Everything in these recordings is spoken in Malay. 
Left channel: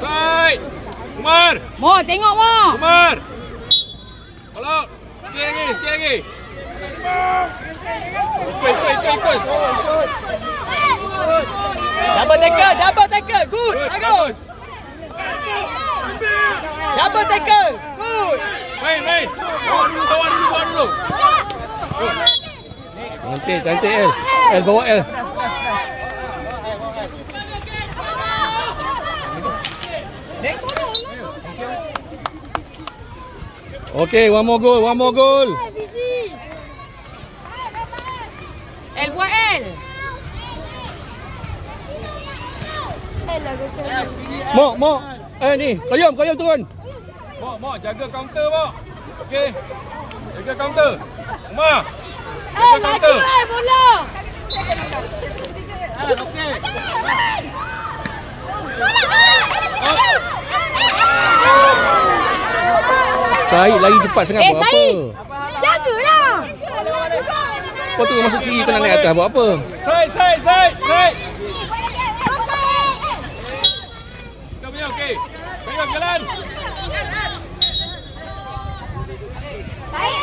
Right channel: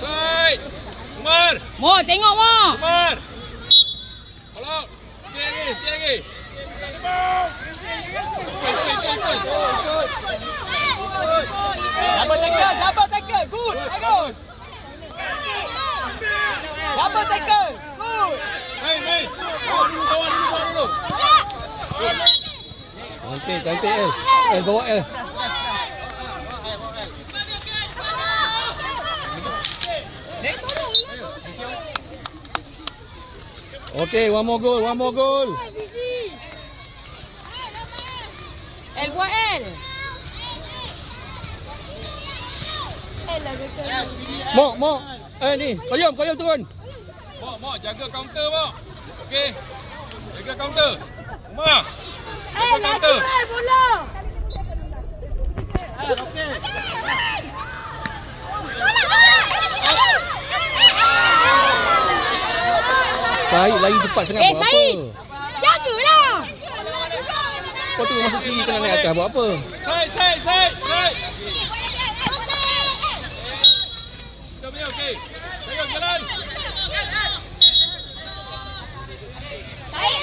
Side. Umar. Mo, tengok Mo. Umar. Kalau. Sikit lagi. Ikut. Double tackle. Good. Bagus. Double tackle. Good. Main. Bawa dulu. Cantik El. El bawa El. Okay, one more goal. El buat El. Mo. Ni. Kayum turun. Mo, jaga counter, Mo. Okey. Jaga counter. Umar. Jaga counter. Bola. Okey. Syed lari cepat sangat buat apa? Syed. Jagalah. Kau tu masuk kiri kau nak naik atas buat apa? Side. Kita punya okey. Pegang jalan. Baik.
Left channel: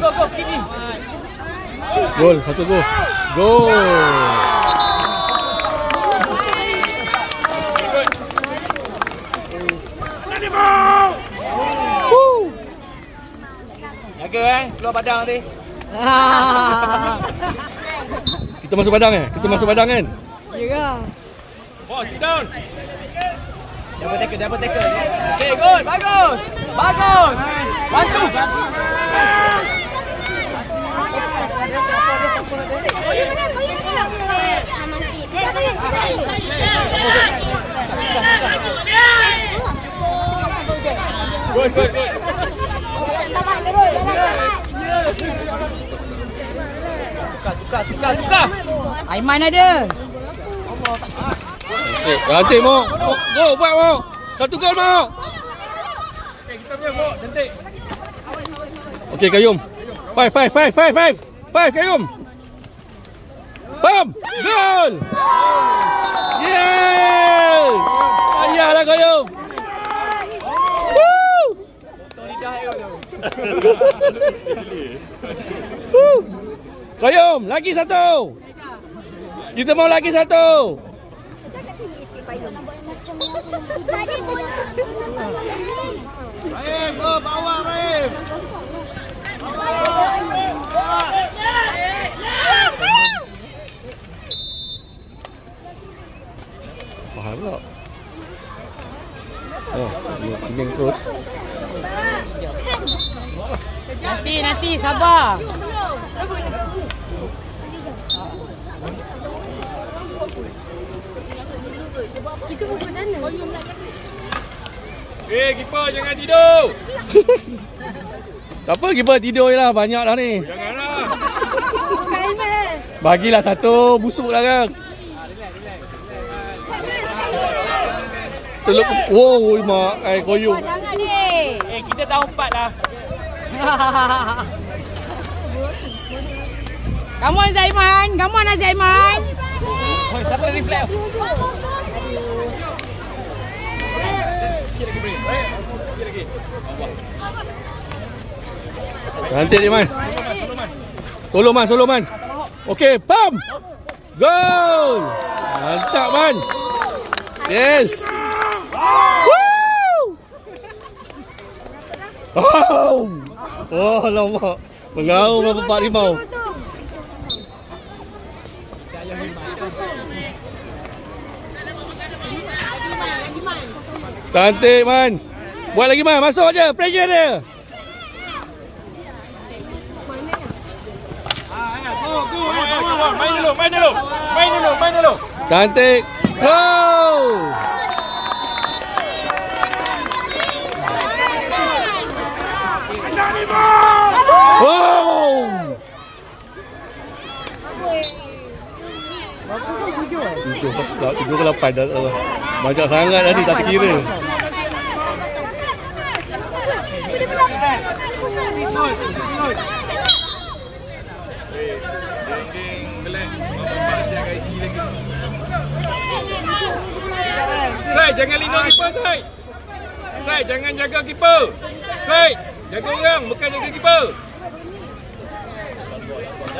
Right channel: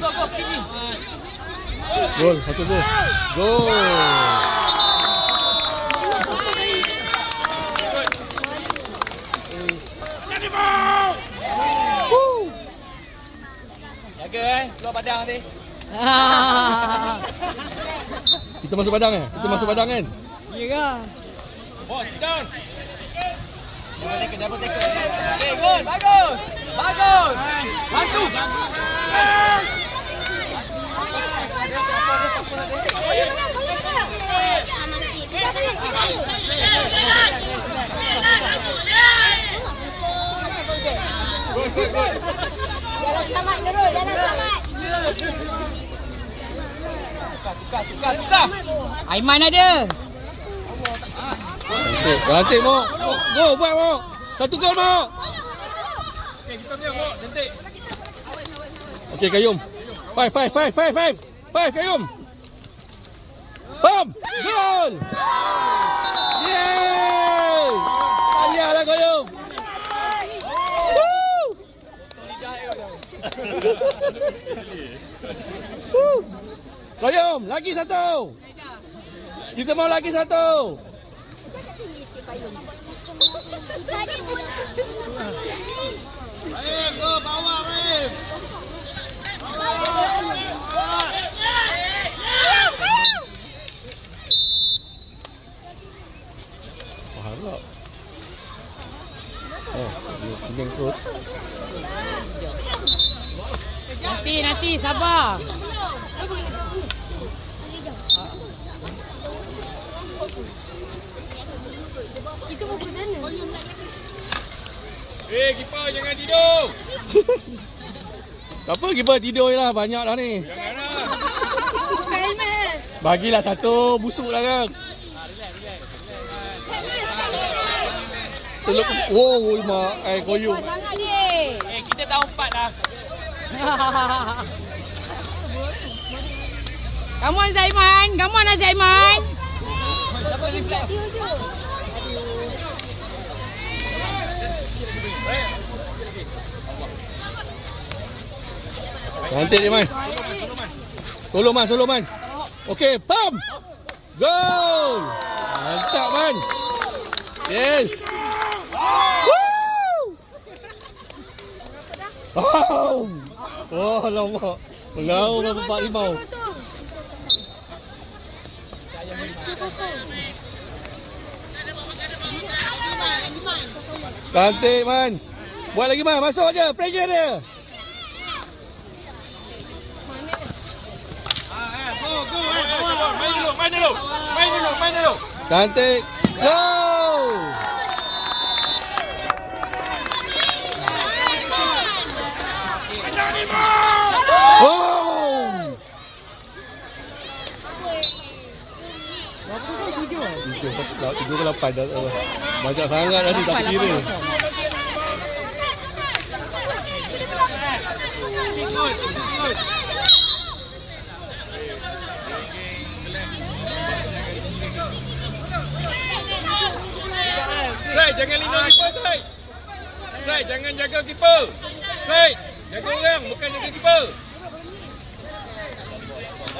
Go, kiri. Gol, 1 gol. Gol. Jaga keluar padang nanti. Kita masuk padang kan? Ya ke? Oh, sit down. Double tackle. Okay, good. Bagus. Bantu. Good. Tukar. Aiman ada. Cantik Mo. Go buat Mo. 1 gol Mo. Okey, kita punya, Mo. Cantik. Okey Kayum. 5 Kayum. Bam! Gol! Yeah! Ayahlah Kayum. Woo! Kayum, lagi 1. Kita mau lagi 1. Go bawah, Baim. Faham tak? Oh, dia pingging terus. Nanti sabar. Kiper jangan tidur. Tak apa, kiper tidur je lah. Banyak dah ni. Janganlah. Bagilah 1. Busuk lah kan. Teluk. Wow, mak. Koyuk. Jangan deh. Kita tahu 4 lah. Come on Zaiman. Siapa lagi flat? Cantik dia Man. Solo Man. Okey, pam. Gol. Mantap Man. Yes. Woo! Oh, lama. Mengaum Bapak Rimau. Cantik Man. Buat lagi Man. Masuk je. Pressure dia. Main dulu. Cantik. Go. Oh. 7 ke 8 dah. Banyak sangat tadi tak kira. Sai, jangan lindung keeper, Sai. Sai, jangan jaga keeper. Sai, jaga orang, bukan jaga keeper.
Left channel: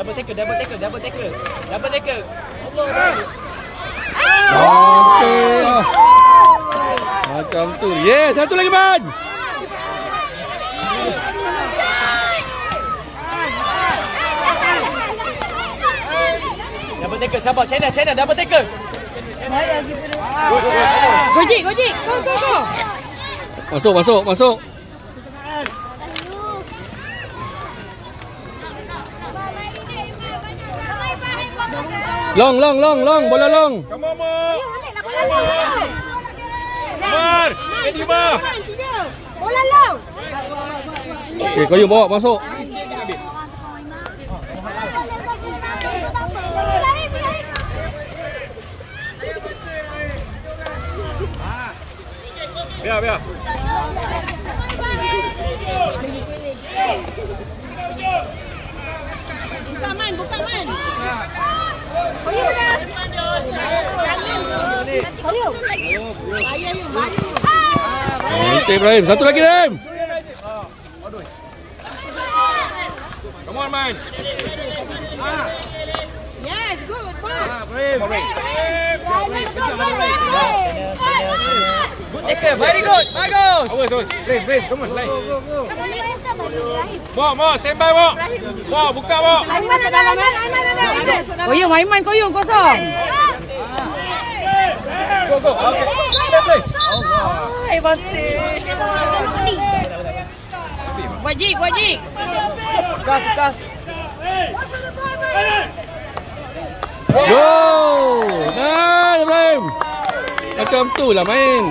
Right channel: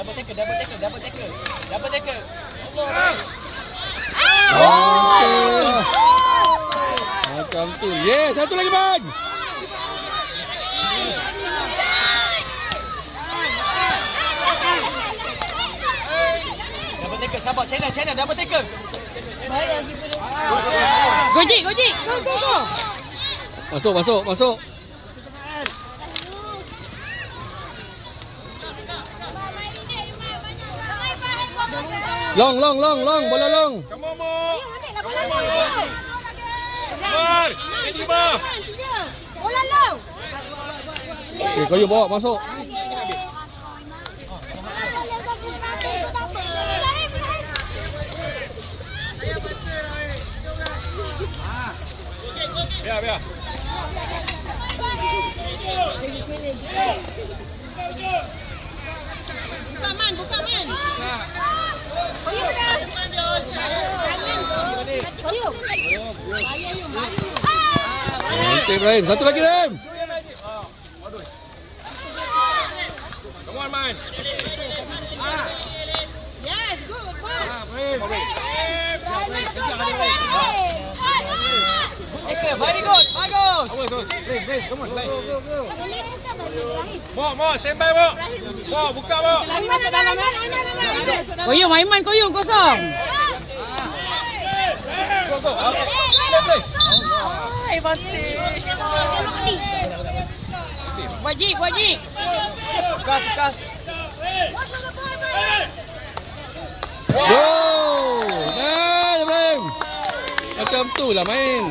Double tackle. Okey lah. Macam tu. Yeah, satu lagi man. Double tackle, sabar. China, double tackle. Gojik. Go. Masuk. Long. Bola long. Come on, Mar. Ediba. Bola long. Okey, kau bawa masuk. Biar. Buka man. Okey Ibrahim, satu lagi Ibrahim. Come on, man. Yes, go. Tackle, very good. Bagus. Brave, come on, line. Mo, stand by, Mo. Mo, buka, Mo. Aiman ada. Koyong kosong. Go. Okay. Play. Wajib. Tukar. Go. Nah, Ibrahim. Macam tu lah main.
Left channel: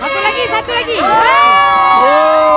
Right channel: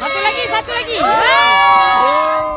Satu lagi. Go.